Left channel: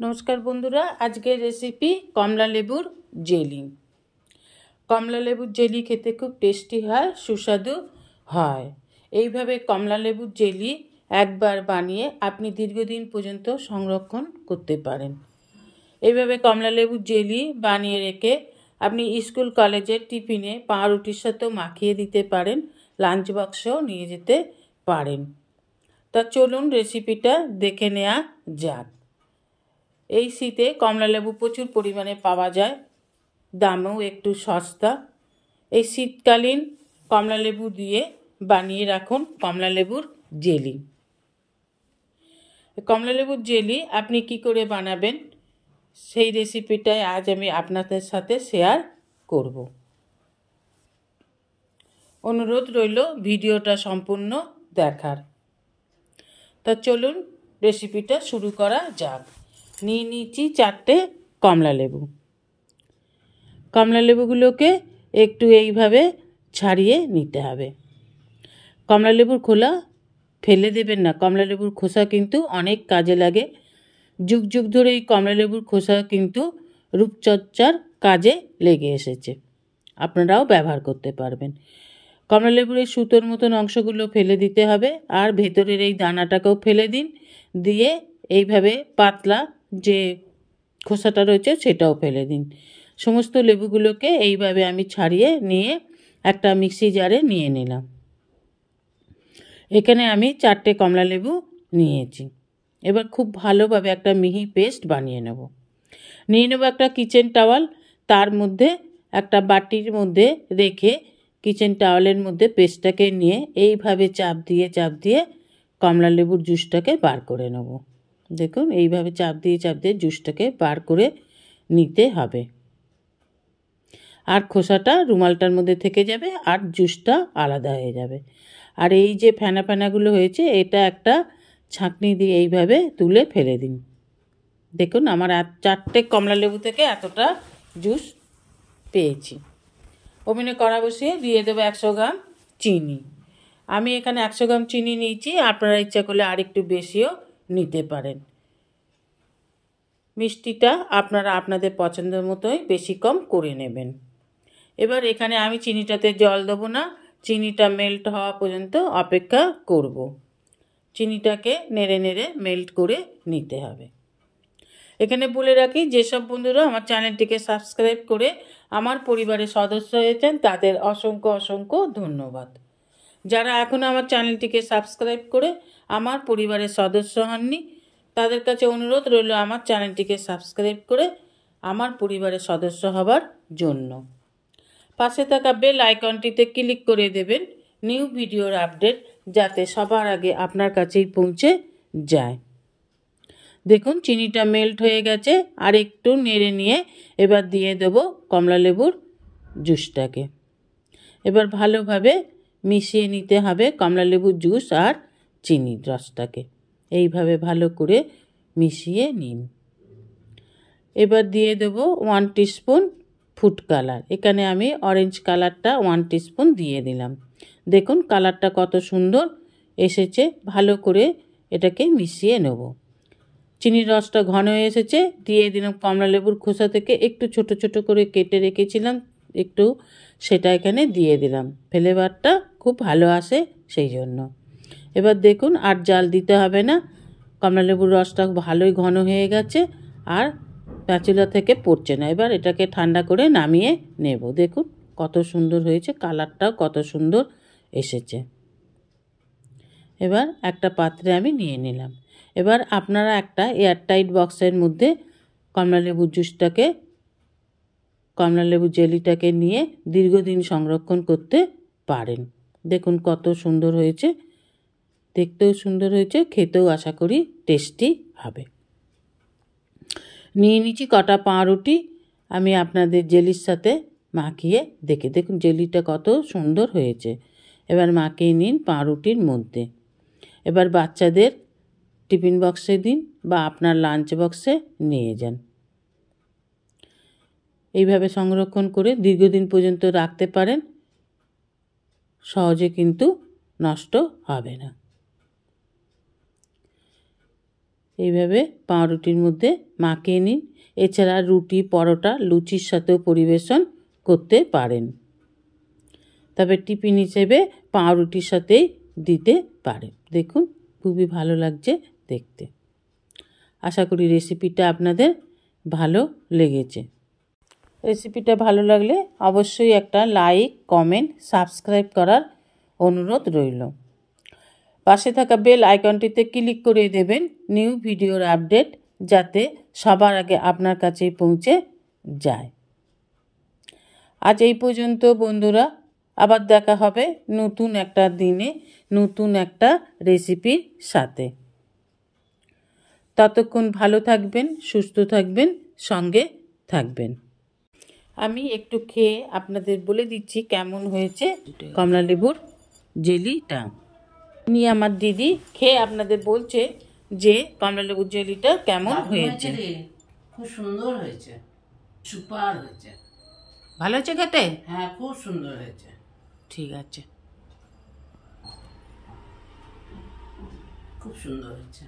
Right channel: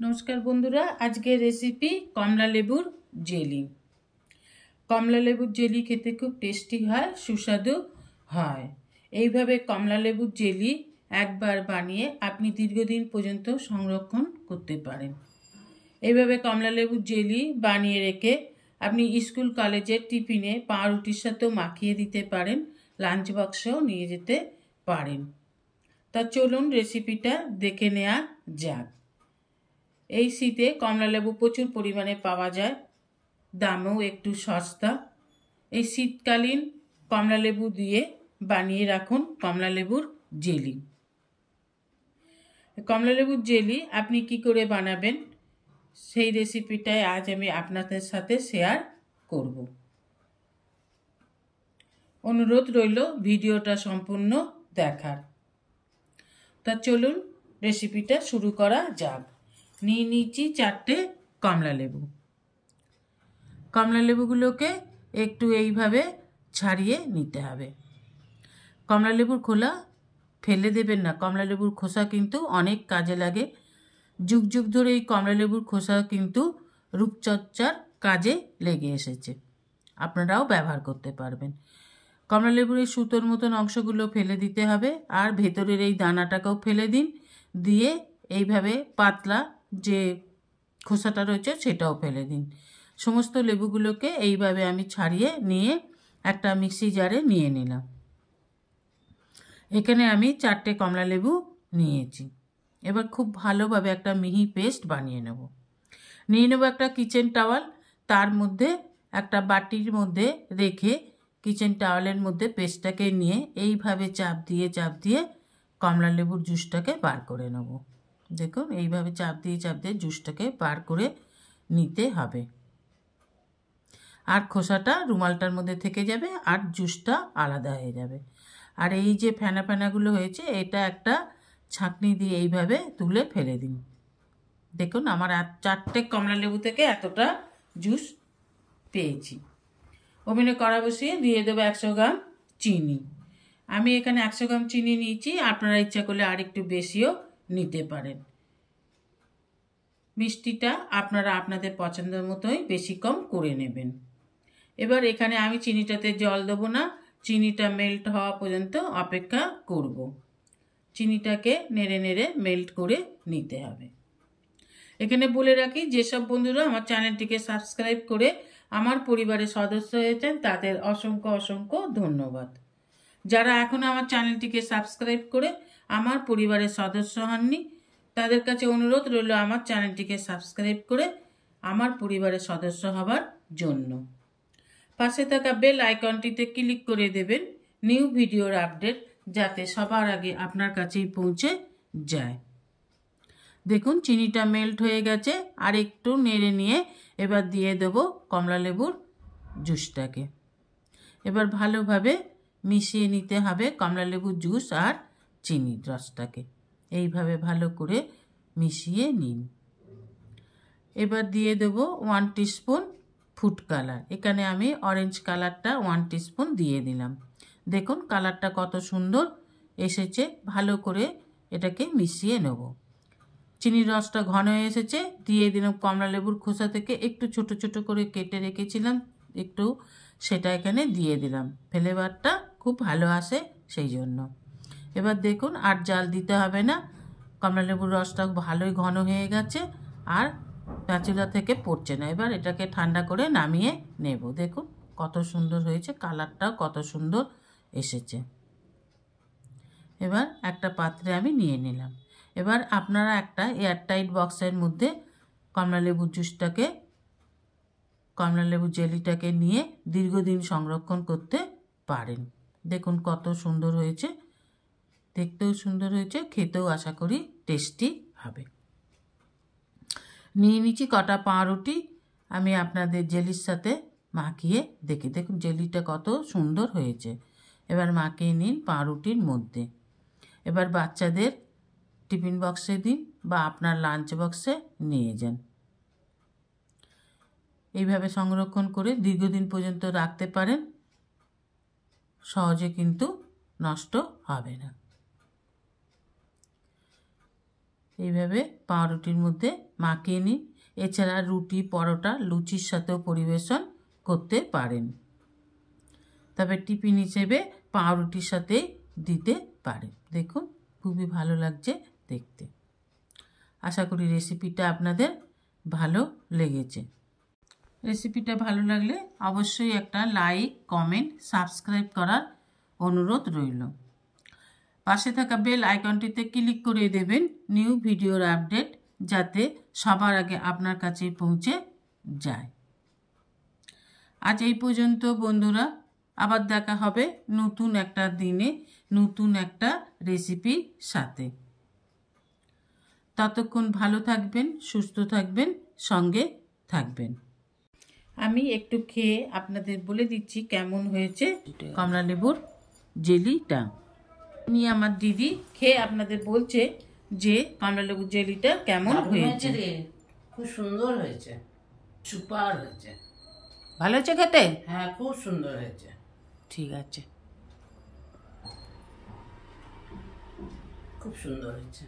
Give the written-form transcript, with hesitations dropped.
নমস্কার বন্ধুরা, আজকের রেসিপি কমলা লেবুর জেলি। কমলা লেবুর জেলি খেতে খুব টেস্টি হয়, সুস্বাদু হয়। এইভাবে কমলা লেবুর জেলি একবার বানিয়ে আপনি দীর্ঘদিন পর্যন্ত সংরক্ষণ করতে পারেন। এইভাবে কমলা লেবুর জেলি বানিয়ে রেখে আপনি স্কুল কলেজের টিফিনে পাউরুটির সাথেও মাখিয়ে দিতে পারেন, লাঞ্চ বক্সেও নিয়ে যেতে পারেন। তা চলুন রেসিপিটা দেখে নেওয়া যাক। এই শীতে কমলা লেবু প্রচুর পরিমাণে পাওয়া যায়, দামেও একটু সস্তা। এই শীতকালীন কমলা লেবু দিয়ে বানিয়ে রাখুন কমলা লেবুর জেলি। কমলা লেবুর জেলি আপনি কি করে বানাবেন সেই রেসিপিটাই আজ আমি আপনাদের সাথে শেয়ার করব। অনুরোধ রইল ভিডিওটা সম্পূর্ণ দেখার। তা চলুন রেসিপিটা শুরু করা যাক। নিয়ে নিচ্ছি 4টে কমলা লেবু। কমলা লেবুগুলোকে একটু এইভাবে ছাড়িয়ে নিতে হবে। কমলা লেবুর খোলা ফেলে দেবেন না, কমলা লেবুর খোসা কিন্তু অনেক কাজে লাগে। যুগ যুগ ধরে এই কমলা লেবুর খোসা কিন্তু রূপচর্চার কাজে লেগে এসেছে, আপনারাও ব্যবহার করতে পারবেন। কমলা লেবুর এই সুতোর মতন অংশগুলো ফেলে দিতে হবে, আর ভেতরের এই দানাটাকেও ফেলে দিন। দিয়ে এইভাবে পাতলা যে খোসাটা রয়েছে সেটাও ফেলে দিন। সমস্ত লেবুগুলোকে এইভাবে আমি ছাড়িয়ে নিয়ে একটা মিক্সি জারে নিয়ে নিলাম। এখানে আমি 4টে কমলা লেবু নিয়েছি। এবার খুব ভালোভাবে একটা মিহি পেস্ট বানিয়ে নেব। নিয়ে নেব একটা কিচেন টাওয়াল, তার মধ্যে একটা বাটির মধ্যে রেখে কিচেন টাওয়ালের মধ্যে পেস্টটাকে নিয়ে এইভাবে চাপ দিয়ে কমলা লেবুর জুসটাকে বার করে নেব। দেখুন এইভাবে চাপ দিয়ে জুসটাকে বার করে নিতে হবে। আর খোসাটা রুমালটার মধ্যে থেকে যাবে আর জুসটা আলাদা হয়ে যাবে। আর এই যে ফেনা ফেনাগুলো হয়েছে এটা একটা ছাঁকনি দিয়ে এইভাবে তুলে ফেলে দিন। দেখুন আমার 4টে কমলা লেবু থেকে এতটা জুস পেয়েছি। ওভেনে কড়া বসিয়ে দিয়ে দেবো 100 গ্রাম চিনি। আমি এখানে 100 গ্রাম চিনি নিয়েছি, আপনারা ইচ্ছা করলে আর একটু বেশিও নিতে পারেন। মিষ্টিটা আপনারা আপনাদের পছন্দের মতোই বেশি কম করে নেবেন। এবার এখানে আমি চিনিটাতে জল দেবো না, চিনিটা মেল্ট হওয়া পর্যন্ত অপেক্ষা করব। চিনিটাকে নেড়ে নেড়ে মেল্ট করে নিতে হবে। এখানে বলে রাখি, যেসব বন্ধুরা আমার চ্যানেলটিকে সাবস্ক্রাইব করে আমার পরিবারের সদস্য হয়েছেন তাদের অসংখ্য অসংখ্য ধন্যবাদ। যারা এখনও আমার চ্যানেলটিকে সাবস্ক্রাইব করে আমার পরিবারের সদস্য হননি তাদের কাছে অনুরোধ রইল আমার চ্যানেলটিকে সাবস্ক্রাইব করে আমার পরিবারের সদস্য হবার জন্য। পাশে থাকা বেল আইকনটিতে ক্লিক করে দেবেন নিউ ভিডিওর আপডেট যাতে সবার আগে আপনার কাছেই পৌঁছে যায়। দেখুন চিনিটা মেল্ট হয়ে গেছে, আর একটু নেড়ে নিয়ে এবার দিয়ে দেব কমলা লেবুর জুসটাকে। এবার ভালোভাবে মিশিয়ে নিতে হবে কমলা লেবুর জুস আর চিনির রসটাকে। এইভাবে ভালো করে মিশিয়ে নিন। এবার দিয়ে দেব 1 টিস্পুন ফুড কালার। এখানে আমি অরেঞ্জ কালারটা 1 টিস্পুন দিয়ে দিলাম। দেখুন কালারটা কত সুন্দর এসেছে। ভালো করে এটাকে মিশিয়ে নেব। চিনির রসটা ঘন হয়ে এসেছে, দিয়ে দিলাম কমলা লেবুর খোসা থেকে একটু ছোট ছোট করে কেটে রেখেছিলাম একটু, সেটা এখানে দিয়ে দিলাম। ফ্লেভারটা খুব ভালো আসে সেই জন্য। এবার দেখুন আর জাল দিতে হবে না, কমলা লেবুর রসটা ভালোই ঘন হয়ে গেছে আর প্যাঁচুলা থেকে পড়ছে না। এবার এটাকে ঠান্ডা করে নামিয়ে নেব। দেখুন কত সুন্দর হয়েছে, কালারটাও কত সুন্দর এসেছে। এবার একটা পাত্রে আমি নিয়ে নিলাম। এবার আপনারা একটা এয়ারটাইট বক্সের মধ্যে কমলা লেবু জেলিটাকে নিয়ে দীর্ঘদিন সংরক্ষণ করতে পারেন। দেখুন কত সুন্দর হয়েছে, দেখতেও সুন্দর হয়েছে, খেতেও আশা করি টেস্টি হবে। নিয়ে নিচ্ছি কটা পাউরুটি, আমি আপনাদের জেলির সাথে মাখিয়ে দেখুন জেলিটা কত সুন্দর হয়েছে। এবার মাখিয়ে নিন পাউরুটির মধ্যে। এবার বাচ্চাদের টিফিন বক্সে দিন বা আপনার লাঞ্চ বক্সে নিয়ে যান। এইভাবে সংরক্ষণ করে দীর্ঘদিন পর্যন্ত রাখতে পারেন, সহজে কিন্তু নষ্ট হবে না। এইভাবে পাউরুটির মধ্যে মাখিয়ে নিন। এছাড়া রুটি, পরোটা, লুচির সাথেও পরিবেশন করতে পারেন। তবে টিফিন হিসেবে পাউরুটির সাথেই দিতে পারেন। দেখুন খুবই ভালো লাগছে দেখতে। আশা করি রেসিপিটা আপনাদের ভালো লেগেছে। রেসিপিটা ভালো লাগলে অবশ্যই একটা লাইক, কমেন্ট, সাবস্ক্রাইব করার অনুরোধ রইল। পাশে থাকা বেল আইকনটিতে ক্লিক করে দেবেন নিউ ভিডিওর আপডেট যাতে সবার আগে আপনার কাছে পৌঁছে যায়। আজ এই পর্যন্ত বন্ধুরা, আবার দেখা হবে নতুন একটা দিনে নতুন একটা রেসিপির সাথে। ততক্ষণ ভালো থাকবেন, সুস্থ থাকবেন, সঙ্গে থাকবেন। আমি একটু খেয়ে আপনাদের বলে দিচ্ছি কেমন হয়েছে কমলালেবুর জেলিটা। উনি আমার দিদি খেয়ে আপনাদের বলছে যে কমলালেবুর জেলিটা কেমন হয়েছে। খুব সুন্দর হয়েছে, সুপার হয়েছে। ভালো হয়েছে খেতে? হ্যাঁ, খুব সুন্দর হয়েছে। ঠিক আছে, খুব সুন্দর হয়েছে।